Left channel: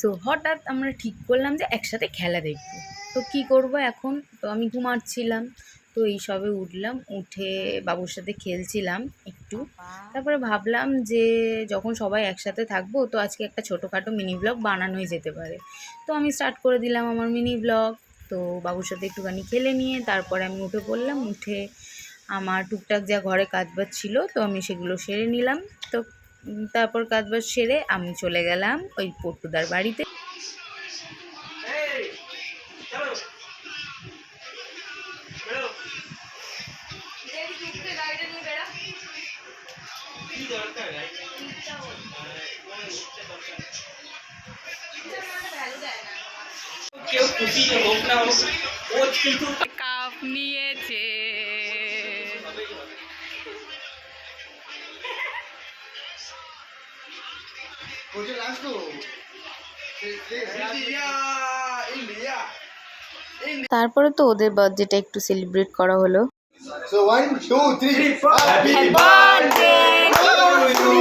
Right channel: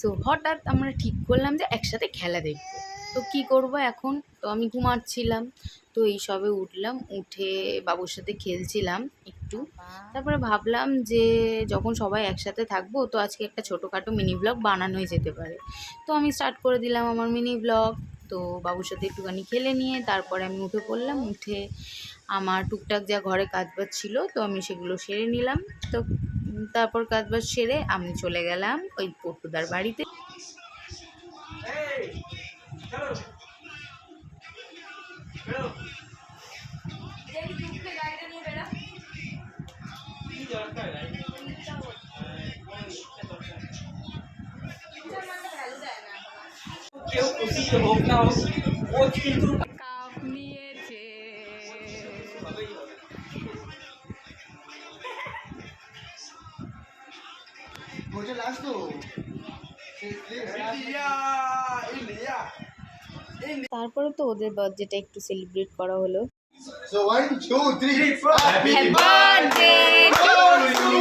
So হঠাৎ আমরা ঠিক করলাম যে একসাথে খেলা দেখব। তো কি করব এখন, তো আমি ঘুমাচ্ছিলাম, তো এই সবে উঠলাম, উঠে বাবুর সাথে খেলছিলাম একটু। তারপরে ভাবলাম যে যখন সবাই একসাথে থাকবো তো আজকে একটা ছোটোখাটো মিনি ব্লগ বানানোই যেতে পারে। তো আমি স্টার্ট করে দিলাম আমার মিনি ব্লগ। তো বাবুর সাথে একটুখানি খেলে নিয়ে তারপরে আমি উঠে পড়লাম। উঠে আমার টুকটাক যা ঘরে কাজবাজ ছিল তো আমি সেগুলো সেরে নিলাম। তো তারপর কাজবাজ সেরে আমি চলে গেলাম ওই পট্টুদার বাড়িতে। কাপ নিয়েছে। তারপরে তো ওদের বার্থডেটা একটু সেলিব্রেট করা হলো। So 1, 2, 3, 4. Happy birthday to you.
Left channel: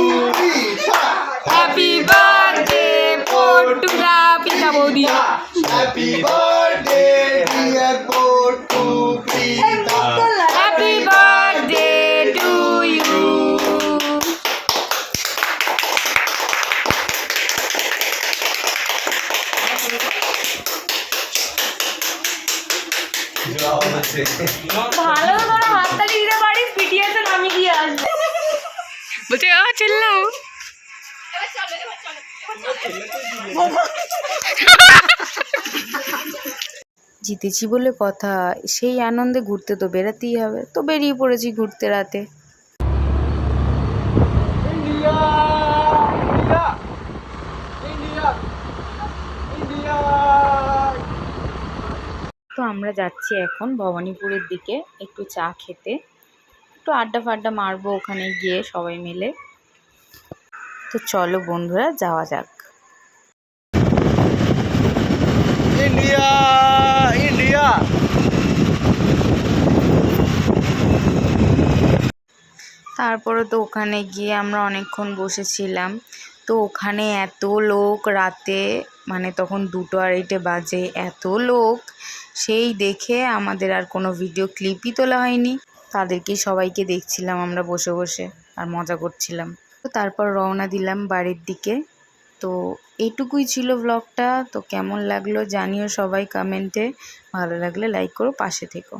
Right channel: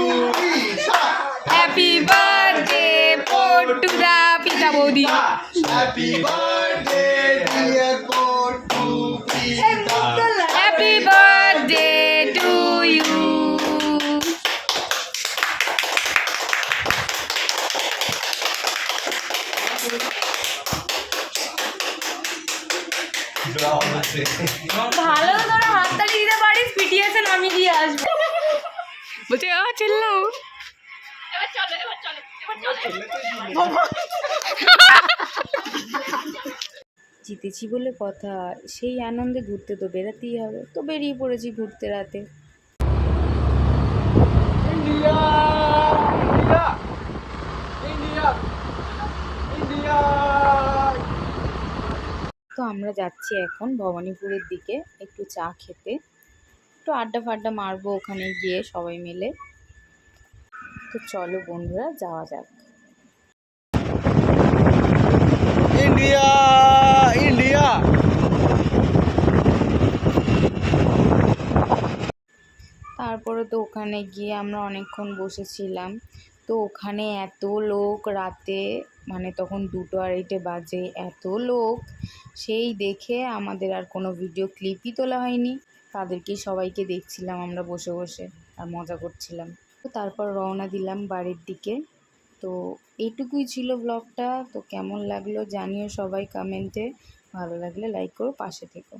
Happy birthday পট্টুদা পিতা বৌদি। Happy birthday dear Pottu Pita. Happy birthday to you. ভালো করে হাততালি দিতে পারিস, পিটিএসে নামিয়ে দিয়ে আসবে। বলছে চিল্লাও। জিতেছি বলে কথা, সেই আনন্দে ঘুরতে তো বেরাতেই হবে। তো বেরিয়ে পড়েছি ঘুরতে রাতে। তো আমরা যাচ্ছি এখন ভবানীপুরের দিকে একটু চা খেতে, একটু আড্ডা ফাড্ডা মারবো ওখানে গিয়ে সবাই মিলে। তো চলো বন্ধুরা যাওয়া যাক। India, India. তারপরে তো ওখানে গিয়ে আমরা অনেকক্ষণ বসেছিলাম। তো ওখানে এত লোক রাতে, মানে তখন 2:30 বাজে, এত লোক সেই দেখে আমাদের আর কোনো ভিডিও ক্লিপই তোলা হয়নি। তাদেরকে সবাইকে দেখছিলাম আমরা বসে বসে আর মজা করছিলাম। তো তারপর রওনা দিলাম বাড়ির দিকে। তো এইটুকুই ছিল ব্লগটা। তো কেমন লাগলো জানিও সবাই কমেন্টে, ভালো লাগলে লাইক করো, পাশে থেকো।